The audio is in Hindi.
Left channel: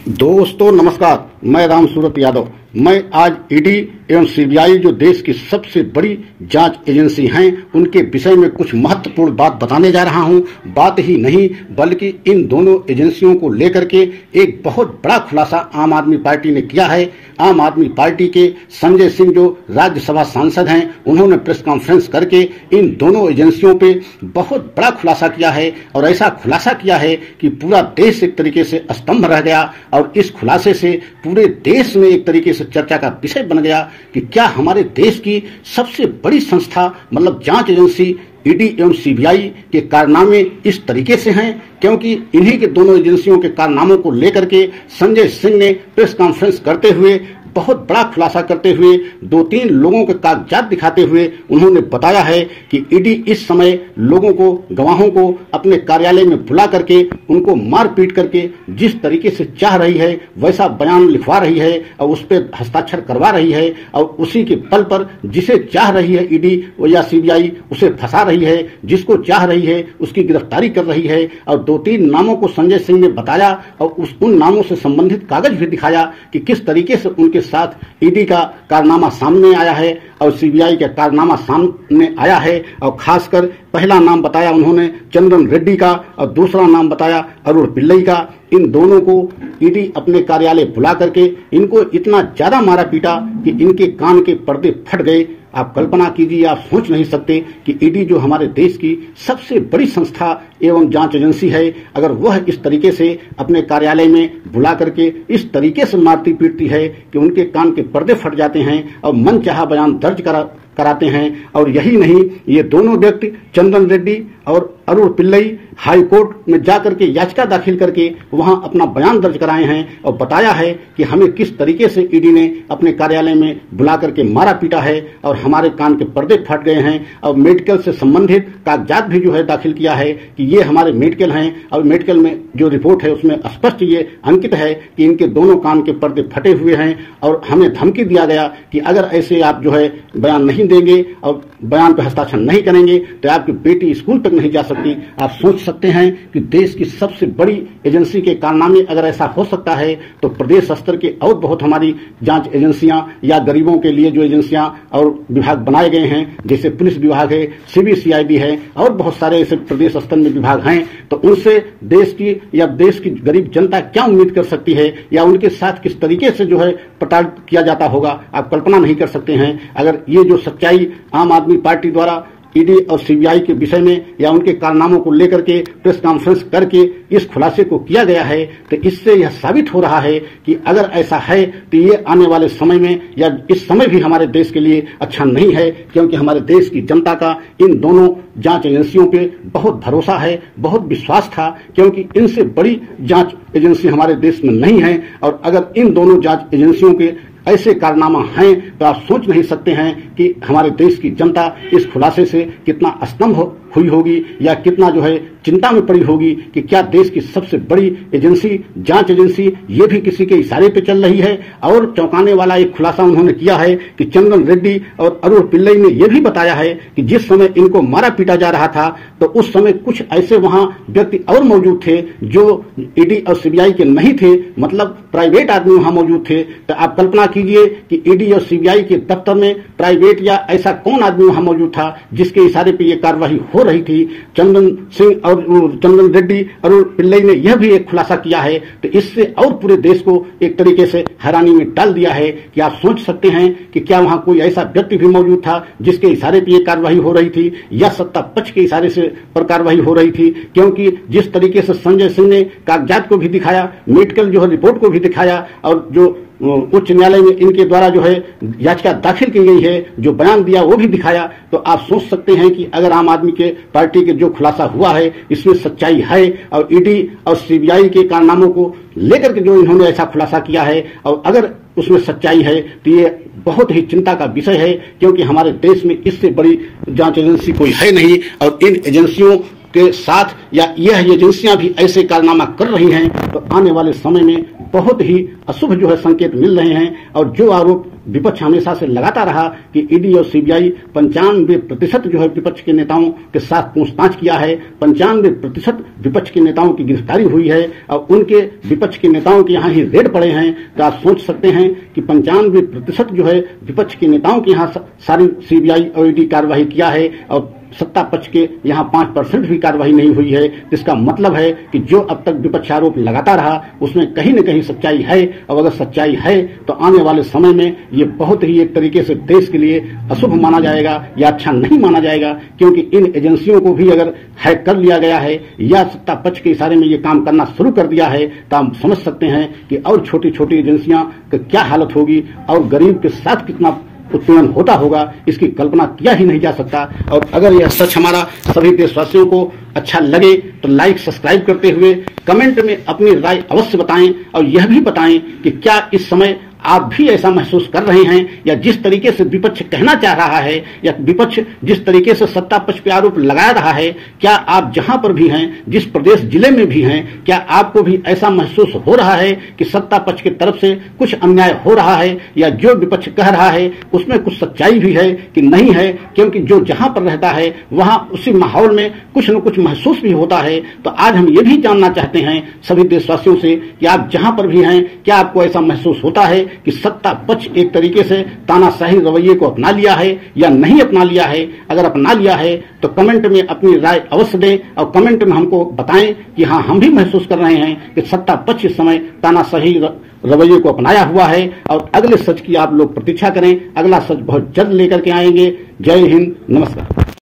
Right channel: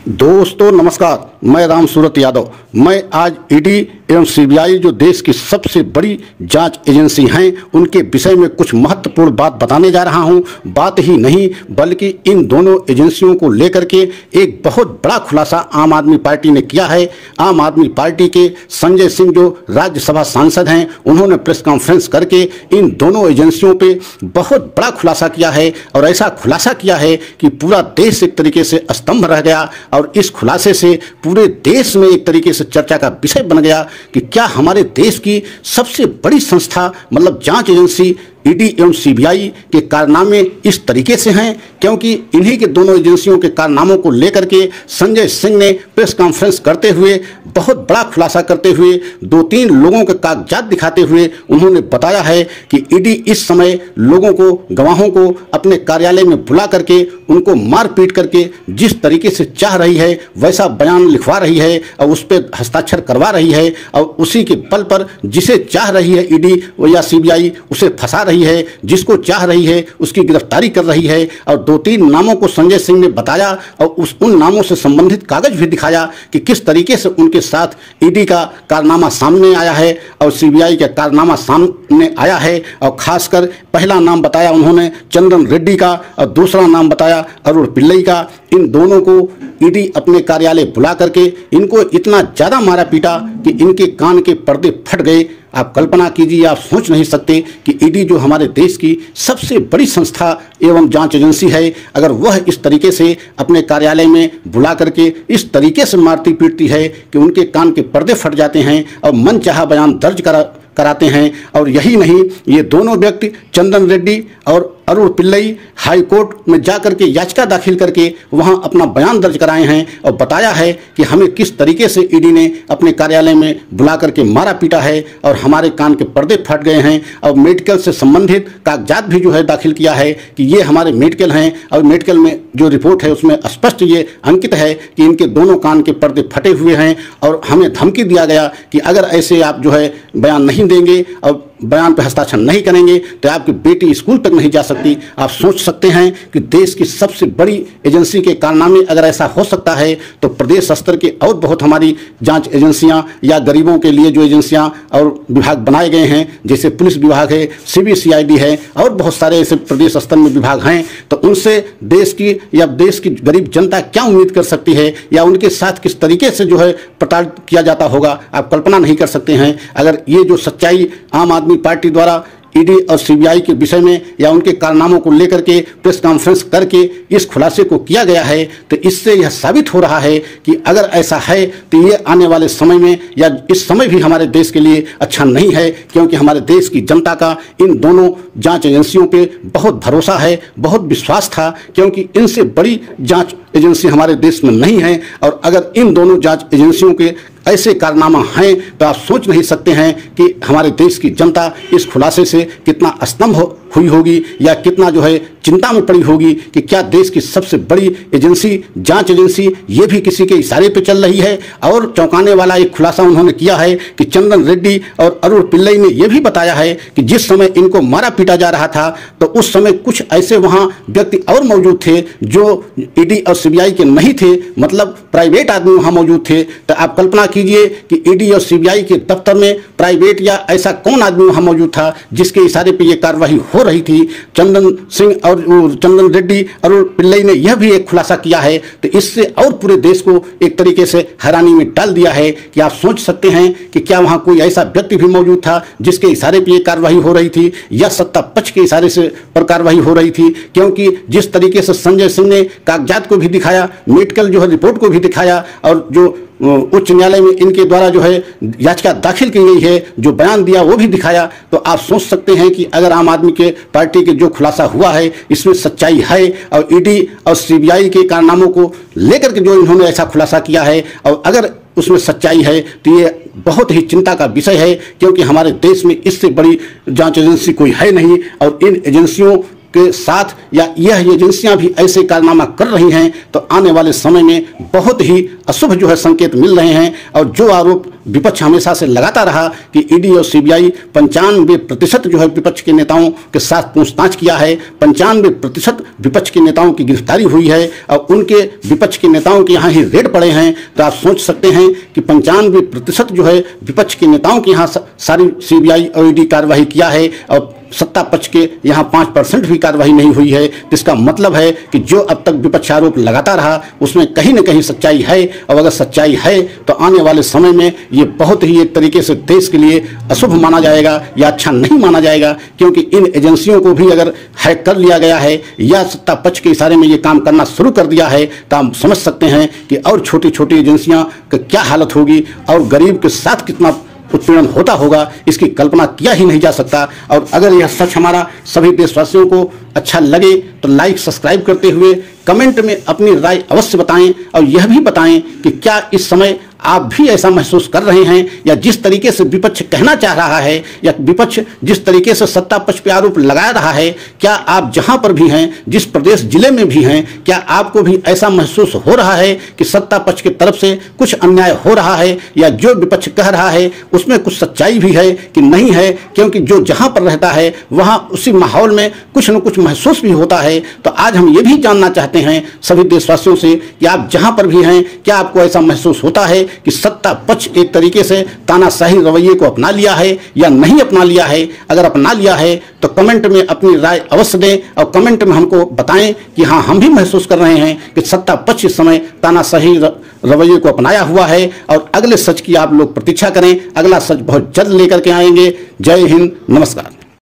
दोस्तों नमस्कार, मैं राम सूरत यादव। मैं आज ईडी एवं सीबीआई जो देश की सबसे बड़ी जांच एजेंसी हैं, उनके विषय में कुछ महत्वपूर्ण बात बताने जा रहा हूं। बात ही नहीं बल्कि इन दोनों एजेंसियों को लेकर के एक बहुत बड़ा खुलासा आम आदमी पार्टी ने किया है। आम आदमी पार्टी के संजय सिंह जो राज्यसभा सांसद हैं, उन्होंने प्रेस कॉन्फ्रेंस करके इन दोनों एजेंसियों पे बहुत बड़ा खुलासा किया है और ऐसा खुलासा किया है कि पूरा देश एक तरीके से स्तंभ रह गया। और इस खुलासे से पूरे देश में एक तरीके से चर्चा का विषय बन गया कि क्या हमारे देश की सबसे बड़ी संस्था मतलब जांच एजेंसी ईडी एवं सीबीआई के कारनामे इस तरीके से हैं। क्योंकि इन्हीं के दोनों एजेंसियों के कारनामों को लेकर के संजय सिंह ने प्रेस कॉन्फ्रेंस करते हुए बहुत बड़ा खुलासा करते हुए 2-3 लोगों के कागजात दिखाते हुए उन्होंने बताया है कि ईडी इस समय लोगों को, गवाहों को अपने कार्यालय में बुला करके उनको मारपीट करके जिस तरीके से चाह रही है वैसा बयान लिखवा रही है और उस पर हस्ताक्षर करवा रही है और उसी के बल पर जिसे चाह रही है ईडी या सीबीआई उसे फंसा रही है, जिसको चाह रही है उसकी गिरफ्तारी कर रही है। और 2-3 नामों को संजय सिंह ने बताया और उन नामों से संबंधित कागज भी दिखाया कि किस तरीके से उनके साथ ईडी का कारनामा सामने आया है और सीबीआई का कारनामा सामने आया है। और खासकर पहला नाम बताया उन्होंने चंदन रेड्डी का और दूसरा नाम बताया अरुण पिल्लई का। इन दोनों को ईडी अपने कार्यालय बुला करके इनको इतना ज्यादा मारा पीटा कि इनके कान के पर्दे फट गए। आप कल्पना कीजिए, आप सोच नहीं सकते कि ईडी जो हमारे देश की सबसे बड़ी संस्था एवं जांच एजेंसी है, अगर वह इस तरीके से अपने कार्यालय में बुला करके इस तरीके से मारती पीटती है कि उनके कान के पर्दे फट जाते हैं और मनचाहा बयान दर्ज कराते हैं। और यही नहीं, ये दोनों व्यक्ति चंदन रेड्डी और अरुण पिल्लई हाई कोर्ट में जाकर के याचिका दाखिल करके वहां अपना बयान दर्ज कराए हैं और बताया है कि हमें किस तरीके से ईडी ने अपने कार्यालय में बुला करके मारा पीटा है और हमारे कान के पर्दे फट गए हैं। और मेडिकल से संबंधित कागजात भी जो है दाखिल किया है कि ये हमारे मेडिकल हैं और मेडिकल में जो रिपोर्ट है उसमें स्पष्ट ये अंकित है कि इनके दोनों कान के पर्दे फटे हुए हैं। और हमें धमकी दिया गया कि अगर ऐसे आप जो है बयान नहीं देंगे और बयान पर हस्ताक्षर नहीं करेंगे तो आपकी बेटी स्कूल तक नहीं जा सकती। आप सोच सकते हैं कि देश की सबसे बड़ी एजेंसी के कारनामे अगर ऐसा हो सकता है तो प्रदेश स्तर के और बहुत हमारी जांच एजेंसियां या गरीबों के लिए जो एजेंसियां और विभाग बनाए गए हैं, जैसे पुलिस विभाग है, सीबीसीआईडी है और बहुत सारे ऐसे प्रदेश स्तर में विभाग हैं, तो उनसे देश की गरीब जनता क्या उम्मीद कर सकती है या उनके साथ किस तरीके से जो है प्रताड़ित किया जाता होगा, आप कल्पना नहीं कर सकते हैं। अगर ये जो सच्चाई आम आदमी पार्टी द्वारा ईडी और सीबीआई के विषय में या उनके कारनामों को लेकर के प्रेस कॉन्फ्रेंस करके इस खुलासे को किया गया है, तो इससे यह साबित हो रहा है कि अगर ऐसा है तो ये आने वाले समय में या इस समय भी हमारे देश के लिए अच्छा नहीं है। क्योंकि हमारे देश की जनता का इन दोनों जांच एजेंसियों पे बहुत भरोसा है, बहुत विश्वास था, क्योंकि इनसे बड़ी जांच एजेंसी हमारे देश में नहीं है। और अगर इन दोनों जांच एजेंसियों के ऐसे कारनामा हैं तो आप सोच नहीं सकते हैं कि हमारे देश की जनता इस खुलासे से कितना स्तंभ हुई होगी या कितना जो है चिंता में पड़ी होगी कि क्या देश की सबसे बड़ी एजेंसी, जांच एजेंसी, ये भी किसी के इशारे पे चल रही है। और चौंकाने वाला एक खुलासा उन्होंने किया है कि चंदन रेड्डी और अरुण पिल्लई ने यह भी बताया है कि जिस समय इनको मारा पीटा जा रहा था तो उस समय कुछ ऐसे वहां व्यक्ति और मौजूद थे जो ईडी और सीबीआई के नहीं थे, मतलब प्राइवेट आदमी वहां मौजूद थे। तो आप कल्पना कीजिए कि ईडी और सीबीआई के दफ्तर में प्राइवेट या ऐसा कौन आदमी वहां मौजूद था जिसके इशारे पे ये कार्रवाई हो रही थी। चंदन सिंह और चंदन रेड्डी और पिल्लई ने यह भी एक खुलासा किया है, तो इससे और पूरे देश को एक तरीके से हैरानी में डाल दिया है कि आप सोच सकते हैं कि क्या वहां कोई ऐसा व्यक्ति भी मौजूद था जिसके इशारे पे ये कार्रवाई हो रही थी या सत्ता पक्ष के इशारे से पर कार्रवाई हो रही थी। क्योंकि जिस तरीके से संजय सिंह ने कागजात को भी दिखाया, मेडिकल जो है रिपोर्ट को भी दिखाया और जो उच्च न्यायालय में इनके द्वारा जो है याचिका दाखिल की गई है, जो बयान दिया वो भी दिखाया, तो आप सोच सकते हैं कि अगर आम आदमी के पार्टी के जो खुलासा हुआ है इसमें सच्चाई है। और ईडी और सीबीआई के कारनामों को लेकर के जो इन्होंने ऐसा खुलासा किया है और अगर उसमें सच्चाई है तो ये बहुत ही चिंता का विषय है। क्योंकि हमारे देश में इससे बड़ी जांच एजेंसी कोई है नहीं और इन एजेंसियों के साथ या यह एजेंसियां भी ऐसे कारनामा कर रही हैं तो आने वाले समय में बहुत ही अशुभ जो है संकेत मिल रहे हैं। और जो आरोप विपक्ष हमेशा से लगाता रहा कि ईडी और सीबीआई 95% जो है विपक्ष के नेताओं के साथ पूछताछ किया है, 95% विपक्ष के नेताओं की गिरफ्तारी हुई है और उनके विपक्ष के नेताओं के यहाँ ही रेड पड़े हैं, तो आप सोच सकते हैं कि 95% जो है विपक्ष के नेताओं के यहाँ सारी सीबीआई और ईडी कार्रवाई किया है और सत्ता पक्ष के यहाँ 5% भी कार्रवाई नहीं हुई है। इसका मतलब है कि जो अब तक विपक्ष आरोप लगाता रहा उसमें कहीं न कहीं सच्चाई है, और अगर सच्चाई है तो आने वाले समय में ये बहुत ही एक तरीके से देश के लिए अशुभ माना जाएगा या अच्छा नहीं माना जाएगा, क्योंकि इन एजेंसियों को भी अगर हैक कर लिया गया है या सत्ता पक्ष के इशारे में ये काम करना शुरू कर दिया है तो हम समझ सकते हैं कि और छोटी छोटी एजेंसियां की क्या हालत होगी और गरीब के साथ कितना उत्पीड़न होता होगा, इसकी कल्पना किया ही नहीं जा सकता। और अगर यह सच हमारा सभी देशवासियों को अच्छा लगे तो लाइक सब्सक्राइब करते हुए कमेंट में अपनी राय अवश्य बताएं और यह भी बताएं कि क्या इस समय आप भी ऐसा महसूस कर रहे हैं, या जिस तरीके से विपक्ष कहना चाह रहा है या विपक्ष जिस तरीके से सत्ता पक्ष पे आरोप लगा रहा है, क्या आप जहां पर भी हैं, जिस प्रदेश जिले में भी हैं, क्या आपको भी ऐसा महसूस हो रहा है कि सत्ता पक्ष की तरफ से कुछ अन्याय हो रहा है, या जो विपक्ष कह रहा है उसमें कुछ सच्चाई भी है कि नहीं है? क्योंकि जो जहां पर रहता है वहां उसी माहौल में कुछ न कुछ महसूस भी होता है। तो आज हम ये भी जानना चाहते हैं सभी देशवासियों से कि आप जहां पर भी हैं क्या आपको ऐसा महसूस होता है कि सत्ता पक्ष एक तरीके से तानाशाही रवैये को अपना लिया है या नहीं अपना लिया है? अगर अपना लिया है तो कमेंट में अपनी राय अवश्य दें और कमेंट में हमको बताएं कि हाँ, हम भी महसूस कर रहे हैं कि सत्ता पक्ष इस समय तानाशाही रवैये को अपनाया हुआ है। और अगले सच की आप लोग प्रतीक्षा करें, अगला सच बहुत जल्द लेकर के आएंगे। जय हिंद, नमस्कार।